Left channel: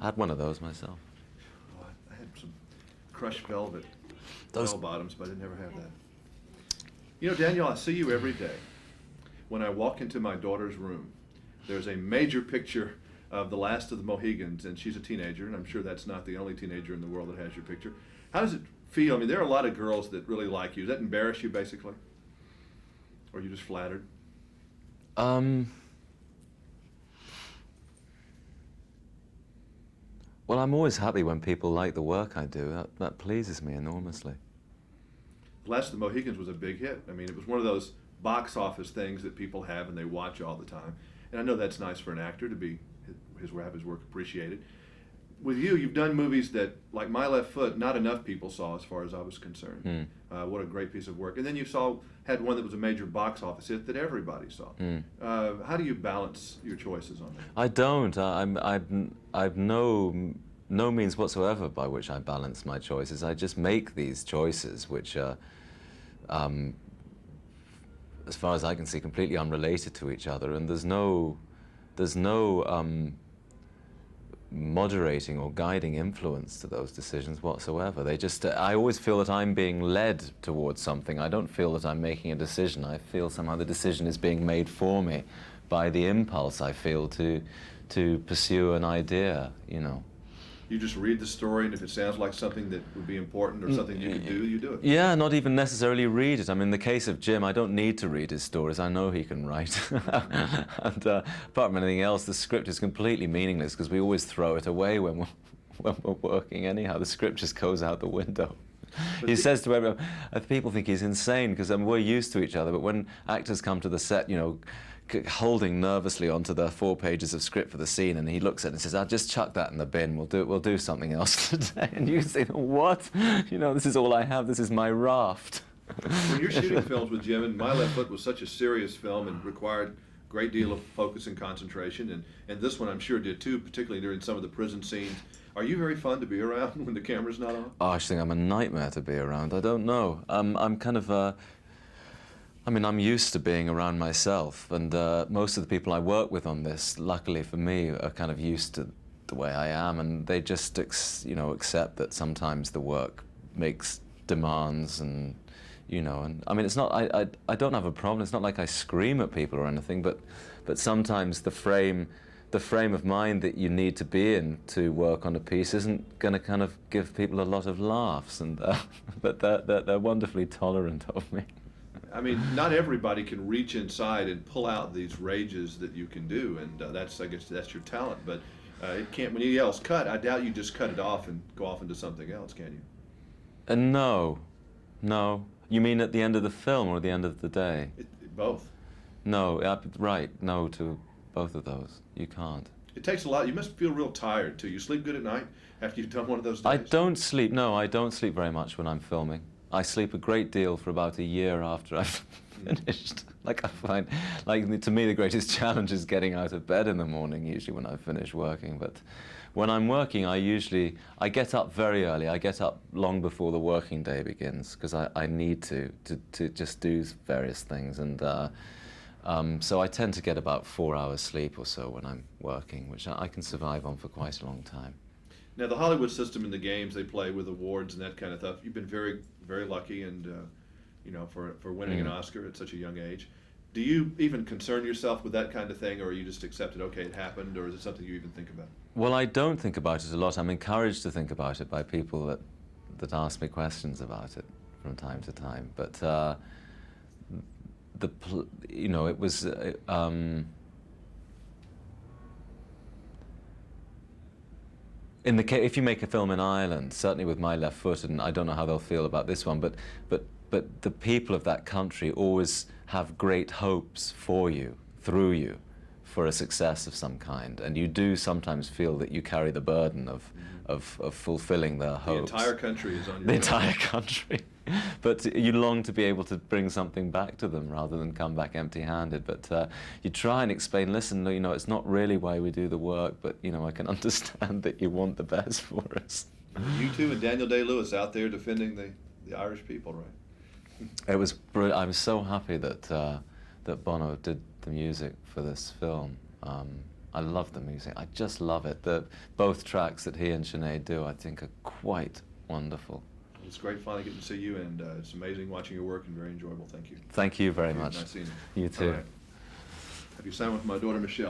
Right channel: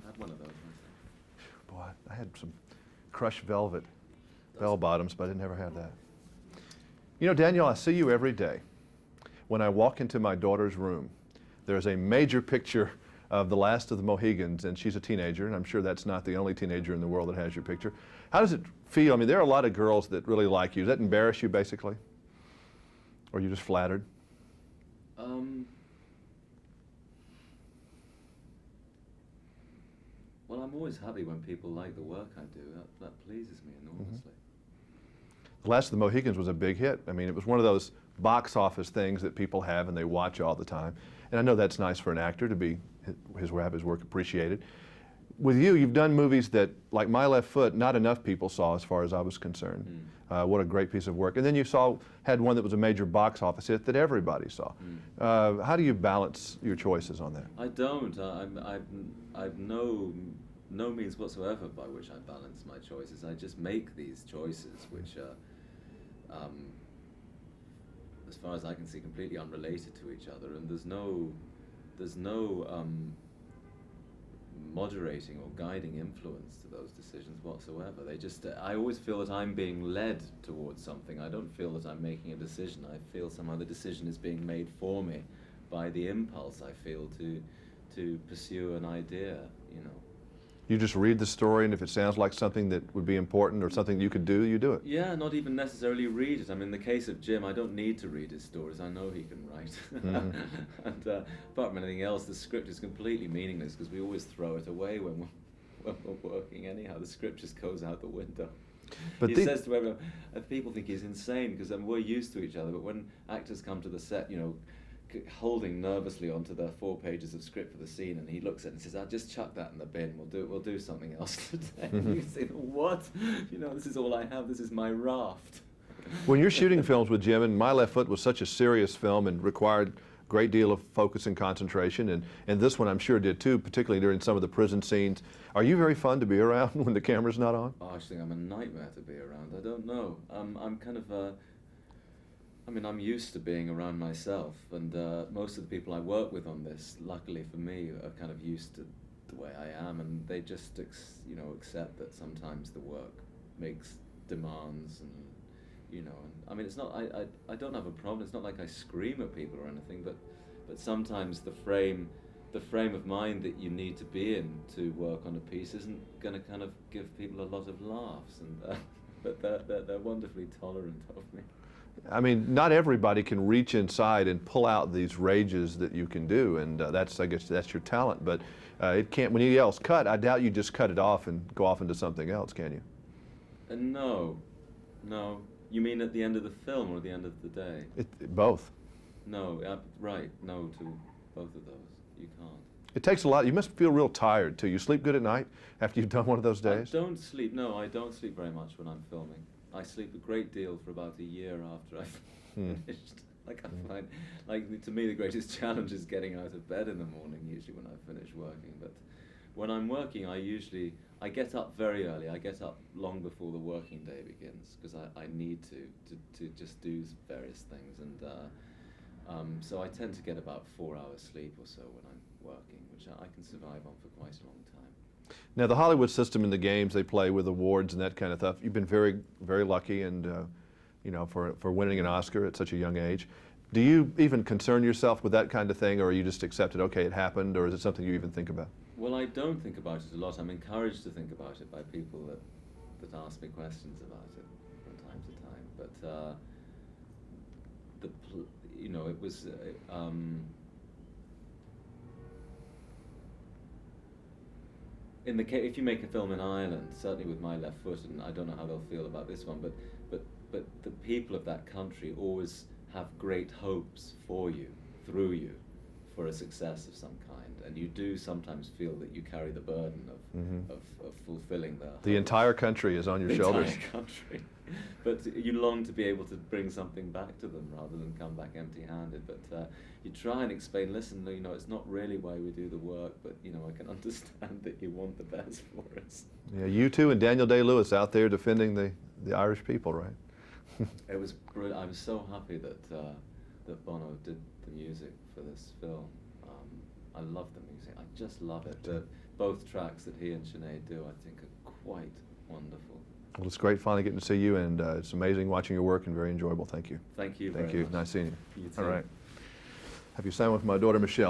I had one of those myself. Oh, I had some crushed velvet bell bottoms, but I never had that. You know, Daniel, I see you every day. When I walk into my daughter's room, there's a major picture of the last of the Mohicans, and she's a teenager, and I'm sure that's not the only teenager in the world that has your picture. How does it feel? I mean, there are a lot of girls that really like you. Does that embarrass you, basically? Or are you just flattered? Well, I'm always happy when people like the work I do. That pleases me enormously. The Last of the Mohicans was a big hit. I mean, it was one of those box office things that people have and they watch all the time. And I know that's nice for an actor to be have his work appreciated. With you, you've done movies that, like My Left Foot, not enough people saw as far as I was concerned. What a great piece of work. And then you had one that was a major box office hit that everybody saw. How do you balance your choices on that? I don't. I've no means whatsoever by which I balance my choices. I just make these choices, which are, as far as I can see, completely unrelated to each other, and there's no moderating or guiding influence to those decisions whatsoever. They just, I always feel that I'm being led towards something. I don't feel that I'm making a decision. I feel somehow the decision is being made for me by the impulse I feel to pursue an idea, you know. You just read the story, and if it sounds like something that would be important or something you could do, you do it. Yeah, not even necessarily read it. I mean, in the case of Jim, I don't need to read his stories. I know he can write. And apart from anything else, the script is completely meaningless because we always throw it away when we're working anyhow. The script just goes out the window. But he says to everyone, people think he's insane because we're used to each other, but when actors come to the set, you know, holding nervously onto the 4 pages of script for the scene, and he looks at it and says, "I'll just chuck that in the bin. We'll do something else today." And you say, "What? You know, this is all I have. This is my raft." When you're shooting films with Jim, and My Left Foot was such a serious film and required a great deal of focus and concentration, and this one I'm sure did too, particularly during some of the prison scenes. Are you very fun to be around when the camera's not on? Oh, I think I'm a nightmare to be around. I don't know. I'm kind of I mean, I'm used to being around myself, and most of the people I work with on this, luckily for me, are kind of used to the way I am, and they just, you know, accept that sometimes the work makes demands, and you know, and I mean, it's not. I don't have a problem. It's not like I scream at people or anything, but sometimes the frame of mind that you need to be in to work on a piece isn't going to kind of give people a lot of laughs, and but they're wonderfully tolerant of me. I mean, not everybody can reach inside and pull out these rages that you can do, and I guess that's your talent. But it can't. When he yells "cut," I doubt you just cut it off and go off into something else, can you? No. You mean at the end of the film or at the end of the day? Both. No, right. No to both of those. You can't. It takes a lot. You must feel real tired too. You sleep good at night after you've done one of those days? I don't sleep. No, I don't sleep very much when I'm filming. I sleep a great deal for about a year after I've finished. Like I find, like to me, the greatest challenge is getting out of bed in the morning, usually when I finish working. But when I'm working, I get up very early. I get up long before the working day begins because I need to just do various things. And so I tend to get about 4 hours sleep or so when I'm working, which I can survive on for quite a long time. Now, the Hollywood system and the games they play with awards and that kind of stuff, you've been very, very lucky and, you know, for winning an Oscar at such a young age. Do you even concern yourself with that kind of thing, or are you just accepted, okay, it happened, or is it something you even think about? Well, I don't think about it a lot. I'm encouraged to think about it by people that ask me questions about it from time to time. But, you know, it was... in the case, if you make a film in Ireland, certainly with My Left Foot, and I don't know how they'll feel about this one, but the people of that country always have great hopes for you, through you, for a success of some kind, and you do sometimes feel that you carry the burden of fulfilling their hopes. The entire country is on your shoulders. The entire country. But you long to be able to bring something back to them rather than come back empty-handed. But you try and explain, listen, you know, it's not really why we do the work, but, you know, I can understand that you want the best for us. You two and Daniel Day-Lewis out there defending the Irish people, right? It was brilliant. I'm so happy that Bono did the music for this film. I love the music. I just love it. Both tracks that he and Sinead do, I think, are quite wonderful. Well, it's great finally getting to see you, and it's amazing watching your work and very enjoyable. Thank you. Thank you very much. Nice seeing you. You too. All right. Have you signed with my daughter, Michelle?